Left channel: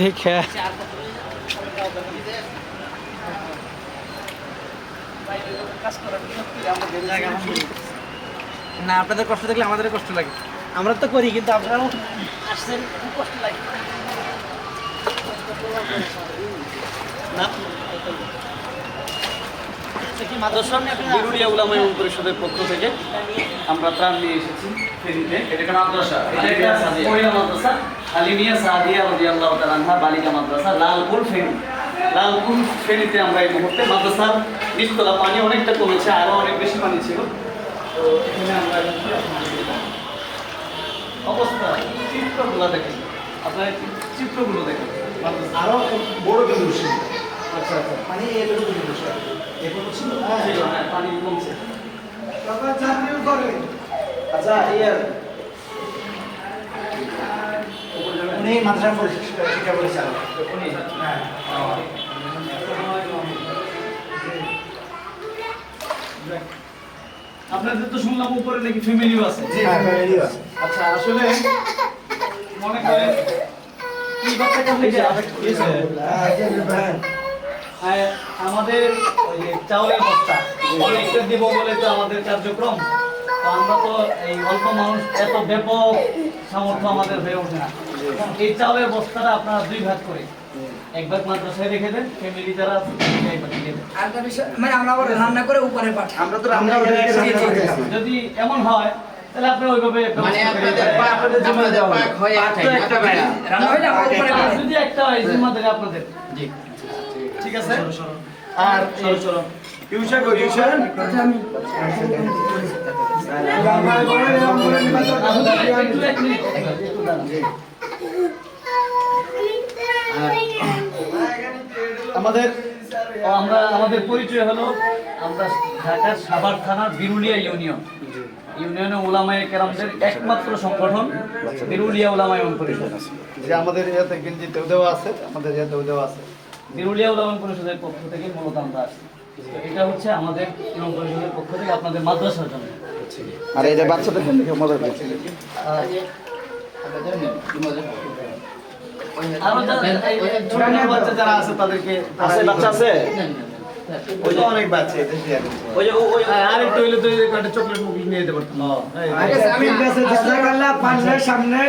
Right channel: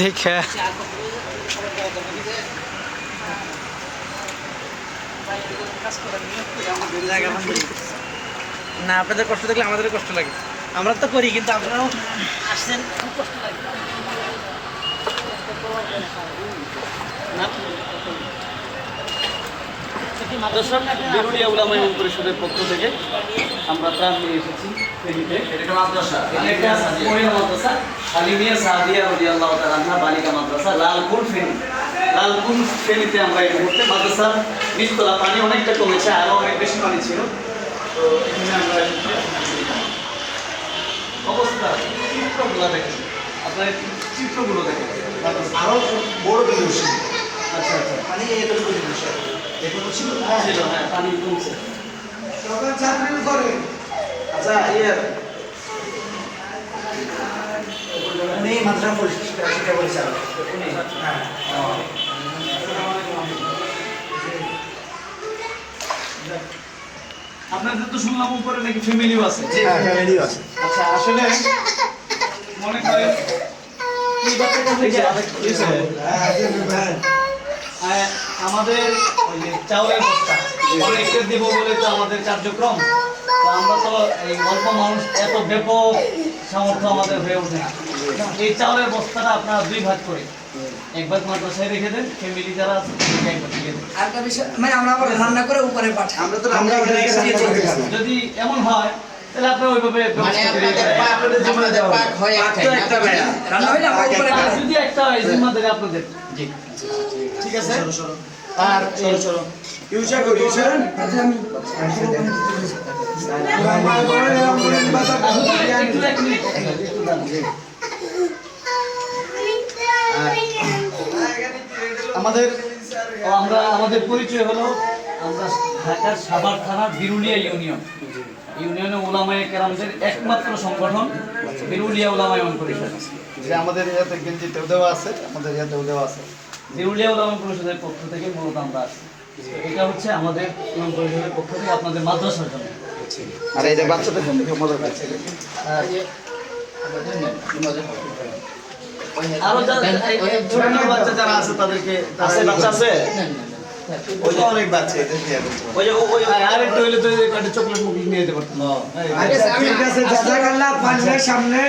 দেখে না আপনাদের কষ্ট দেখলে আমাদেরও কষ্ট লাগে। আমরা তো করি কিন্তু আপনারাও আসছেন খুব কষ্ট লাগে দর্শক বিরুলিয়া উলামা পরিষদের পক্ষ থেকে আমরা ত্রাণ নিয়ে এসেছি ফেনীতে এটা মাদ্রাসা। এটা একটা মহিলা মাদ্রাসা। আলিমিয়া সাহাদিয়া রাদিয়াল্লাহু তাআলা আনহা বালিকা মাদ্রাসা লালপুর ফেনী। লালপুর ফেনীতে আমরা এই মুহূর্তে মাদ্রাসার নিচতলা পানি অনেকটা কমেছে আরও অনেক বেশি পানি ছিল। তো এখানে আমরা অবস্থা চিত্রগুলো দেখেন। আপনার চিত্রগুলো দেখেন। মাদ্রাসা। আরও বড় জিনিস আচ্ছা আচ্ছা। পানি এতটুকু জিনিস এখনও ছিল ছিল হ্যাঁ পানি কমছে। সকাল চাকরি করে আচ্ছা ইয়ে মাদ্রাসা শিক্ষা পরিচালক হ্যাঁ। আপনাদের তো শুনলাম উপরে নাকি ফ্যামিলিও আছে। জি হ্যাঁ ফ্যামিলি আছে। আচ্ছা আসলে মনে করেন এই বাচ্চাটা হয়েছে হ্যাঁ একজন আমাদের ওই যে চাউলের বস্তা। অনেকটা দিব বলে তো আমাদের কার্যক্রম। তো আমরা তো এই অল্প মানুষ এত ব্যাপক সামর্থ্য আমাদের হয়ে ওঠে না। এই চাউলের বস্তাটা আপনারা দুই ভাগ করে এক ভাগ মাদ্রাসায় রেখে দেন ফ্যামিলি যারা আছে দেন। মানে আমরা আবার রান্না করে উপরে পাঠাই। আমরা তো রান্না যদি এমন হয় তাহলে আপনারা ওইভাবে মানে ব্যবস্থা করে আপনাদের দিবেন। পাক পাক হয় একটা বেড়া রান্না হইলে আমরা উপরে পাঠাই। যদি একটা হয় জিম্মাদারি আপনাদের। জি। ঠিক আছে? আর এই- ইউসা কই ইউসা আমার করে আমরা নিবাসন একটু এক মিনিট, এক মিনিট, একটু দাঁড়ান। আমাদের আমরা আমাদের পরিচয় হলো আমরা ঢাকার সাভার থানা বিরুলিয়া ইউনিয়ন। ইউনিয়নে ওলামায়ে কেরামদের একমাত্র সংগঠন বিরুলিয়া ওলামায়ে পরিষদ যে আমাদের ইয়াতে গেঞ্জিতেও দেওয়া আছে আমাদের ইয়াতেও দেওয়া আছে। বিরুলিয়া উলামা পরিষদের পক্ষ থেকে মূলত আমরা আসি এটা হচ্ছে আমাদের ইমাম পরিষদের পক্ষ থেকে আপনাদের মাদ্রাসার জন্য। আর এই যে বাচ্চাদের জন্য মজা পাচ্ছে ওই আরেকটু হইলে তো আচ্ছা। ঠিক আছে সামনে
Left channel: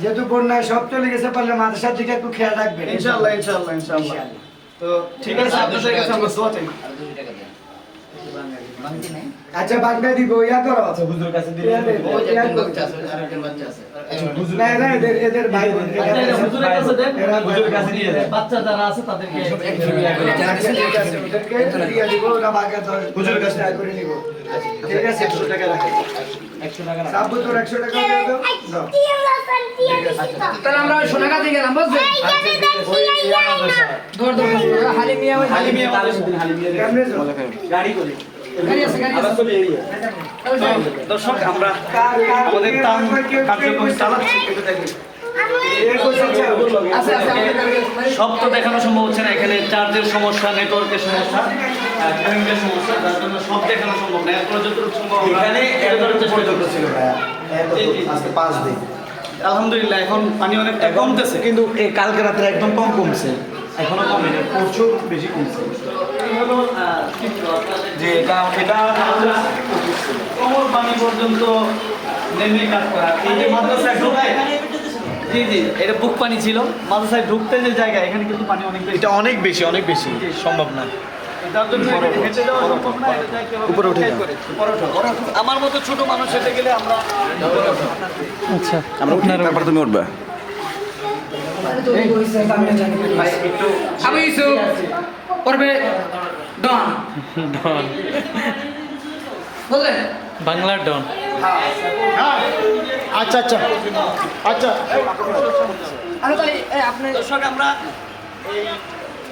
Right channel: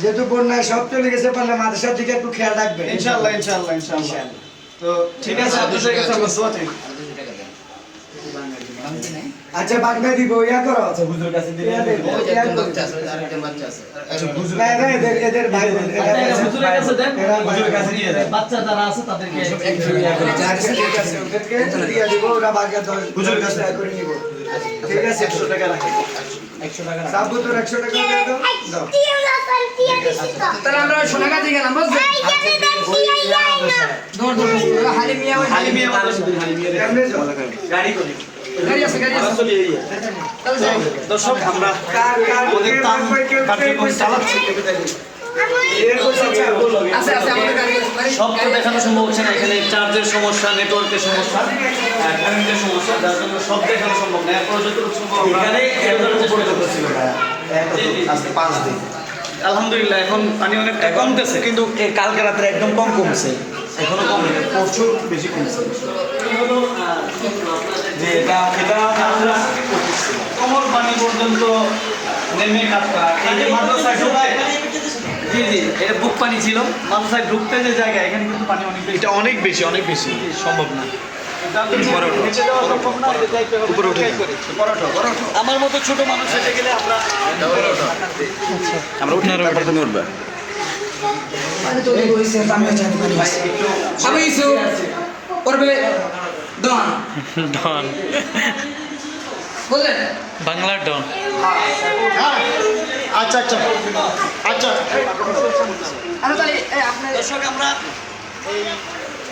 যেহেতু বন্যায় সব চলে গেছে পারলে মাদ্রাসার দিকে একটু খেয়াল রাখবেন ইনশাআল্লাহ ইনশাআল্লাহ ইনশাআল্লাহ তো ঠিক আছে আচ্ছা বাংলা দিব ইয়া করো। হুজুর কাছে দিয়ে ইয়া দেব, ইয়া করো। না, না, এদের এদের ভাই আচ্ছা, এটা আছে। হুজুরের কাছে দেন। ভাই বোন। কাছে দিয়ে দেন। বাচ্চা যারা আছে তাদেরকে আচ্ছা, ঠিক আছে, ওদেরকে দিয়ে দিব, ওরা বাগে দশ- হুজুরের কাছে টাকা করে নিব। ঠিক আছে, একশো টাকা রাখো। সাবু তোর একশো টাকা দিয়ে দাও। দাও। তাহলে আমরা সোনা গাছে গেলাম বুঝছেন ওই ইয়া। ধর ধর ওই? গাড়ি করে। দর্শক আমরা আমাদের তান কার্যক্রম চালাচ্ছি। সব তো দেখানো সম্ভব হচ্ছে না এখানে চার্জের সমস্যা নেটওয়ার্কের সমস্যা কারেন্টের সমস্যা যার জন্য সব দেখানো সম্ভব না এরপর যতটুকু এখানে। আজকে পাঁচ দিন। আলহামদুলিল্লাহ এখন পানি অনেকটা কমতেছে। কিন্তু কালকে রাত্রে একদম কম কমছে। এখনও কমে গেছে পরশু বেশি কমছে। যে এটা এটা আমরা কোমর পানি পর্যন্ত নেমে কাজ করা। এই যে মাদ্রাসায় ঢোকায় জি জি এটা বুক পানি ছিল। মাদ্রাসায় ঢুকতে যে জায়গা এখানে কিন্তু পানি অনেক এটা অনেক বেশি অনেক বেশি। সম্ভব না। না আমার মতো ছোট মানুষ হেঁটে গেলে আমরা আমরা তুমি উঠবে। আবু ইউসুফ করবে ডন ডন বুঝলেন বাংলার ডন আচ্ছা আচ্ছা আচ্ছা দর্শক আমরা এই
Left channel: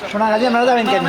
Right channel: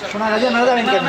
Yo no, yo no deben que